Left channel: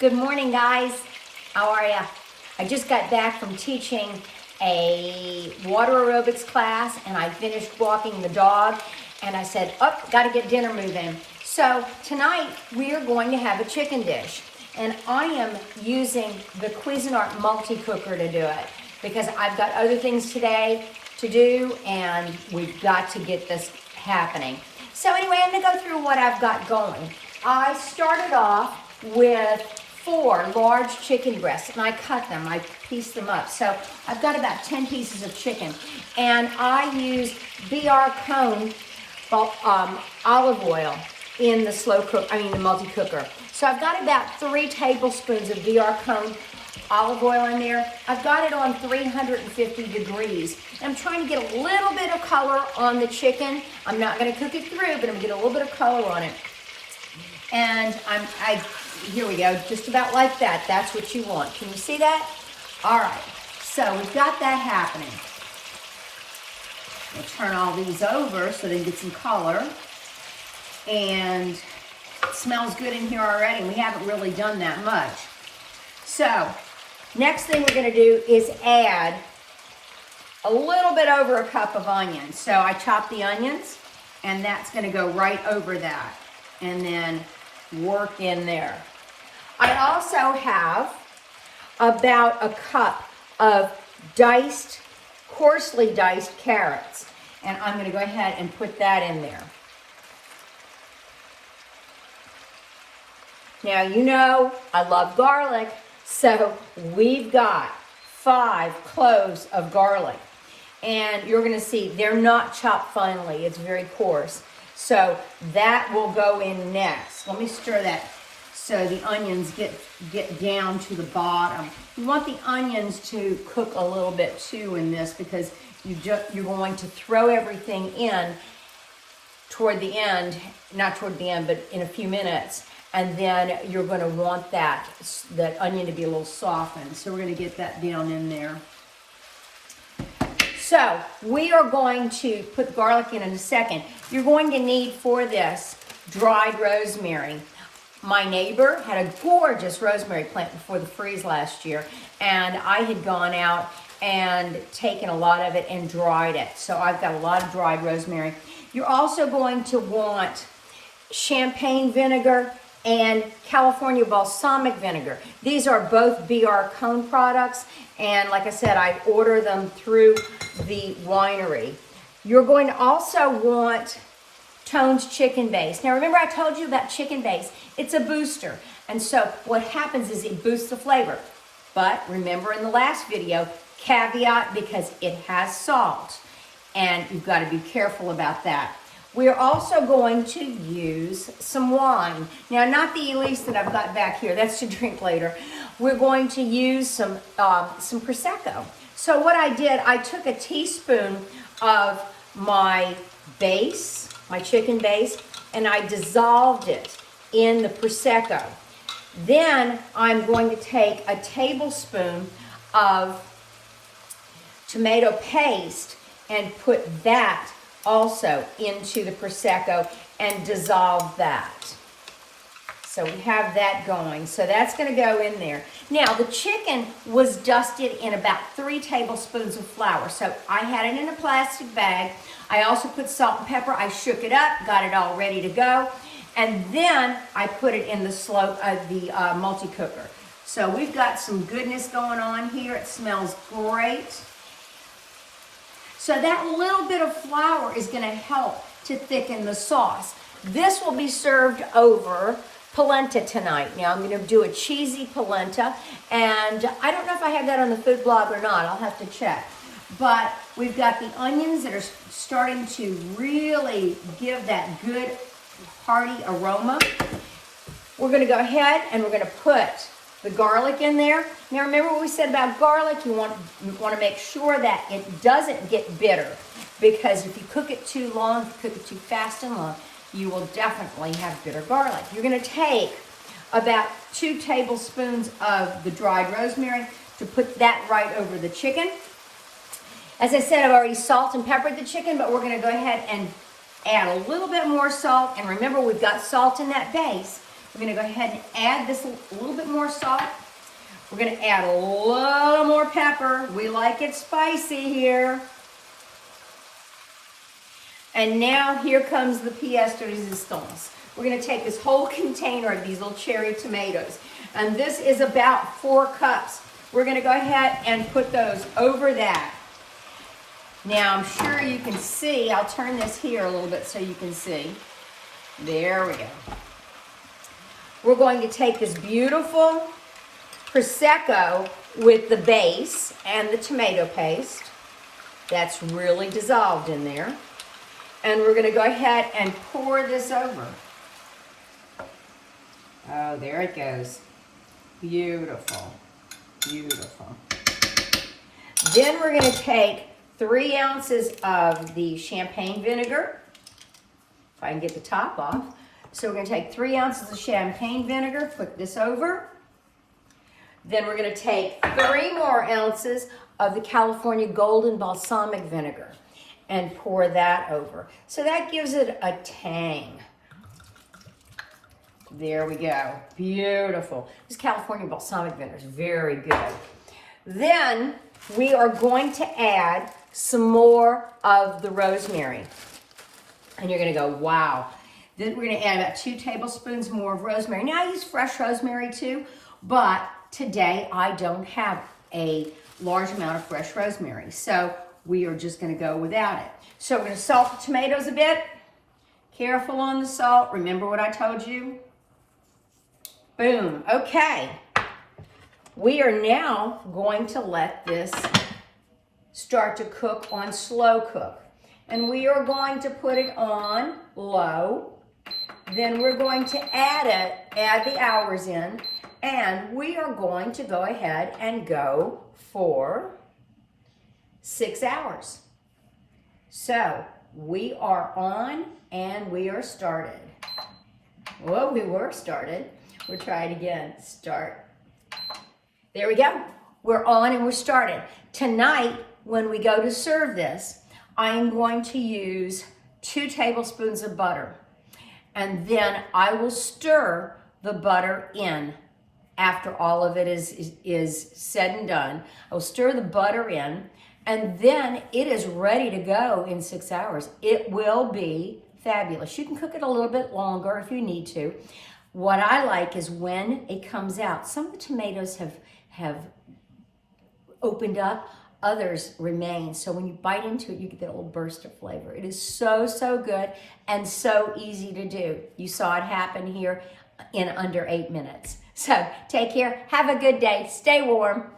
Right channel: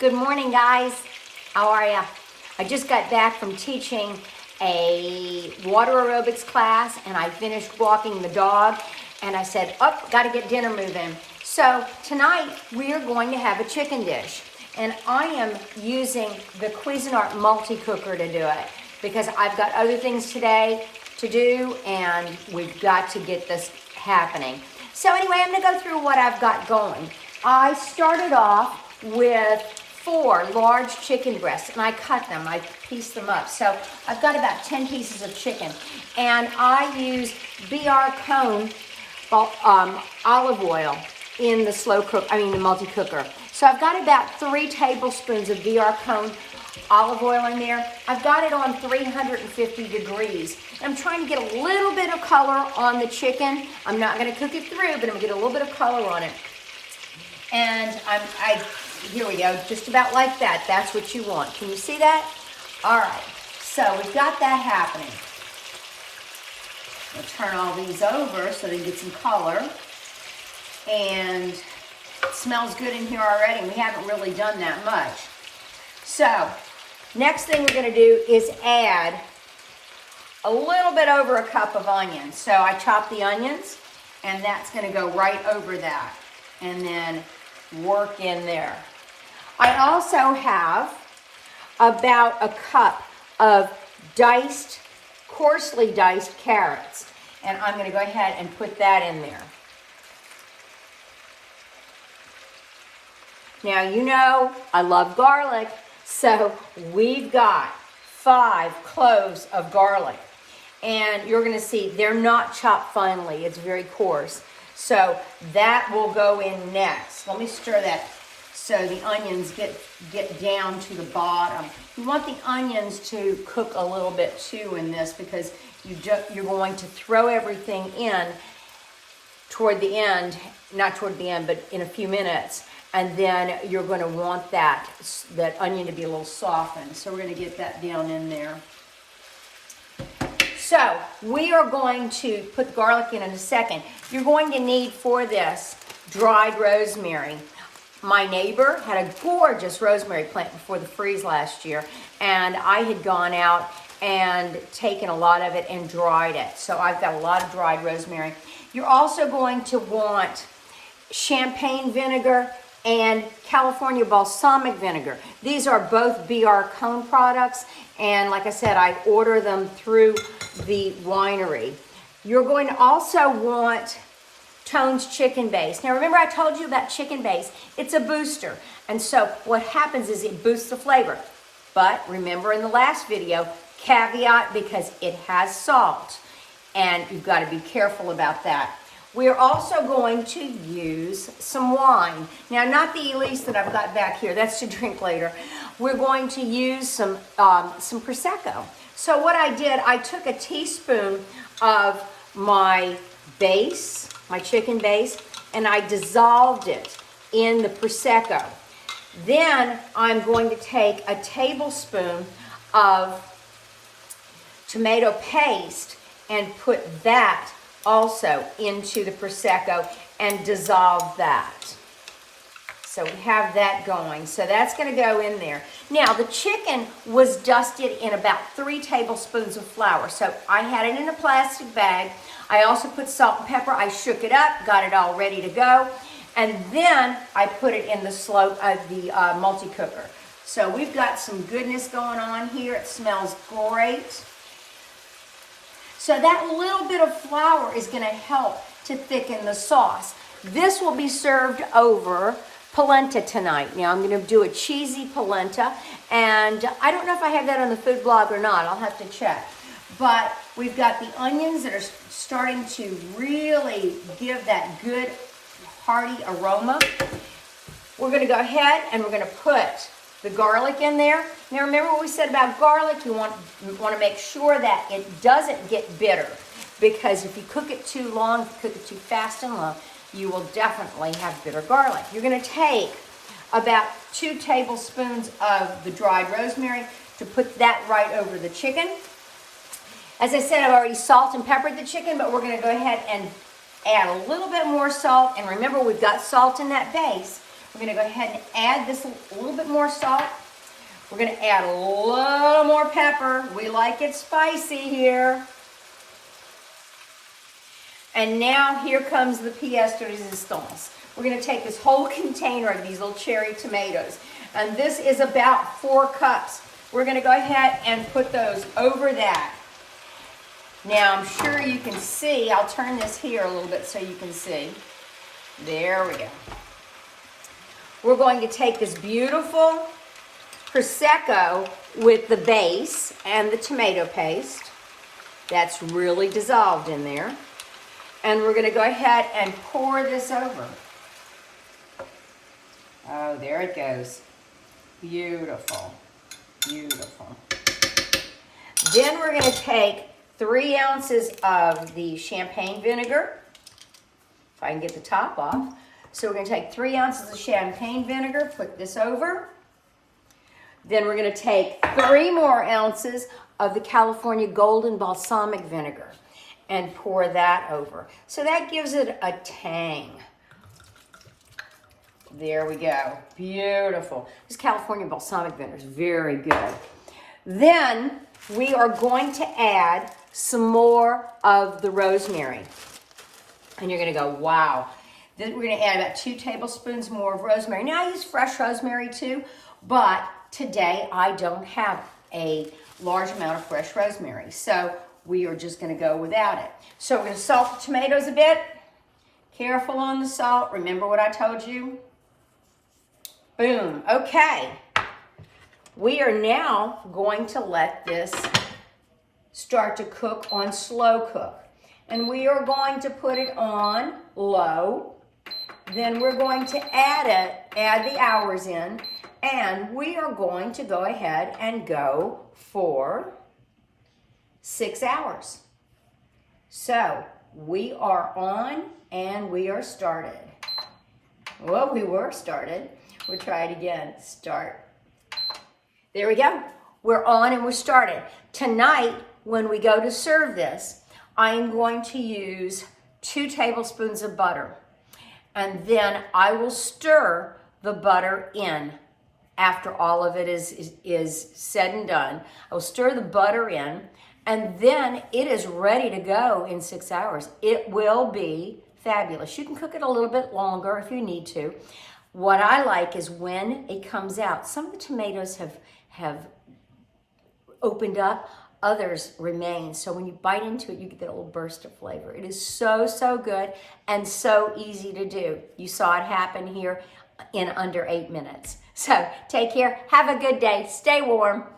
Good morning, guys. How are ya? I just got back from teaching a water aerobics class, and I finished walking the dog, and I said, oh, gotta get dinner moving. So tonight we are going to have a chicken dish, and I am using the Cuisinart Multicooker to do it because I've got other things today to do, and we've got to get this happening. So anyway, I'm gonna go through what I've got going. I started off with 4 large chicken breasts, and I cut them, I pieced them up. So I've got about 10 pieces of chicken, and I use BR Cone olive oil in the the multi-cooker. So I've got about 3 tablespoons of BR Cone olive oil in there. I've got it on 350 degrees. I'm trying to get a little bit of color on the chicken. I'm not going to cook it through, but I'm going to get a little bit of color on it. And here we go, just about like that. That's what you want. Can you see that? All right, so we've got that happening. We'll turn all these over so they can get some color. And it smells good in here already. We haven't really done that much. So, next thing we're gonna do is add a little bit over a cup of onions. So I chop the onions, and that's gonna go right over that. And then work in there. I also have about a cup of coarsely diced carrots. And I'm gonna go ahead and put that in there. Now, you know, I love garlic, so we've got 5 cloves of garlic. And you're gonna see they're not chopped finely, it's very coarse. So that will go in next. Let me stir that so the onions get down to the bottom. You want the onions to cook a little bit too in this because you're going to throw everything in toward the end, not toward the end, but in a few minutes. And then you're going to want that onion to be a little softened. So we're going to get that down in there. So we are going to put garlic in a second. You're going to need for this dried rosemary. My neighbor had a gorgeous rosemary plant before the freeze last year, and I had gone out and taken a lot of it and dried it. So I've got a lot of dried rosemary. You're also going to want champagne vinegar and California balsamic vinegar. These are both BR Cone products, and like I said, I order them through the winery. You're going to also want Tone's chicken base. Now remember I told you about chicken base. It's a booster, and so what happens is it boosts the flavor. But remember in the last video, caveat, because it has salt, and you've got to be careful about that. We're also going to use some wine. Now, not the Elise that I've got back here. That's to drink later. We're going to use some Prosecco. So what I did, I took a teaspoon of my base, my chicken base, and I dissolved it in the Prosecco. Then I'm going to take a tablespoon of tomato paste and put that also into the Prosecco and dissolve that. So we have that going. So that's going to go in there. Now the chicken was dusted in about 3 tablespoons of flour. So I had it in a plastic bag. I also put salt and pepper. I shook it up, got it all ready to go. And then I put it in the multi-cooker. So we've got some goodness going on here. It smells great. So that little bit of flour is going to help to thicken the sauce. This will be served over polenta tonight. Now I'm going to do a cheesy polenta, and I don't know if I have that on the food blog or not. I'll have to check. But we've got the onions that are starting to really give that good hearty aroma. We're going to go ahead and we're going to put the garlic in there. Now remember what we said about garlic. You want to make sure that it doesn't get bitter, because if you cook it too long, if you cook it too fast and long, you will definitely have bitter garlic. You're going to take about 2 tablespoons of the dried rosemary to put that right over the chicken. As I said, I've already salt and peppered the chicken, but we're going to go ahead and add a little bit more salt. And remember, we've got salt in that base. We're gonna go ahead and add this a little bit more salt. We're gonna add a little more pepper. We like it spicy here. And now here comes the pièce de résistance. We're gonna take this whole container of these little cherry tomatoes, and this is about 4 cups. We're gonna go ahead and put those over that. Now I'm sure you can see, I'll turn this here a little bit so you can see. There we go. We're going to take this beautiful Prosecco with the base and the tomato paste. That's really dissolved in there. And we're gonna go ahead and pour this over. Oh, there it goes. Beautiful, beautiful. Then we're gonna take 3 ounces of the champagne vinegar, if I can get the top off. So we're gonna take 3 ounces of champagne vinegar, put this over. Then we're gonna take 3 more ounces of the California Golden Balsamic Vinegar and pour that over. So that gives it a tang. There we go, beautiful. This California Balsamic Vinegar is very good. Then we are going to add some more of the rosemary. And you're gonna go, wow. Then we're gonna add about 2 tablespoons more of rosemary. Now I use fresh rosemary too, but today I don't have a large amount of fresh rosemary. So we are just gonna go without it. So we're gonna salt the tomatoes a bit. Careful on the salt. Remember what I told you? Boom, okay. We are now going to let this start to cook on slow cook. And we are going to put it on low. Then we're going to add the hours in, and we are going to go ahead and go for 6 hours. So we are on and we are started. Well, we were started. We'll try it again. Start. There we go. We're on and we're started. Tonight, when we go to serve this, I am going to use 2 tablespoons of butter. And then I will stir the butter in after all of it is said and done. I will stir the butter in, and then it is ready to go in 6 hours. It will be fabulous. You can cook it a little bit longer if you need to. What I like is when it comes out, some of the tomatoes have opened up, others remain. So when you bite into it, you get that little burst of flavor. It is so, so good and so easy to do. You saw it happen here in under 8 minutes. So take care. Have a good day. Stay warm.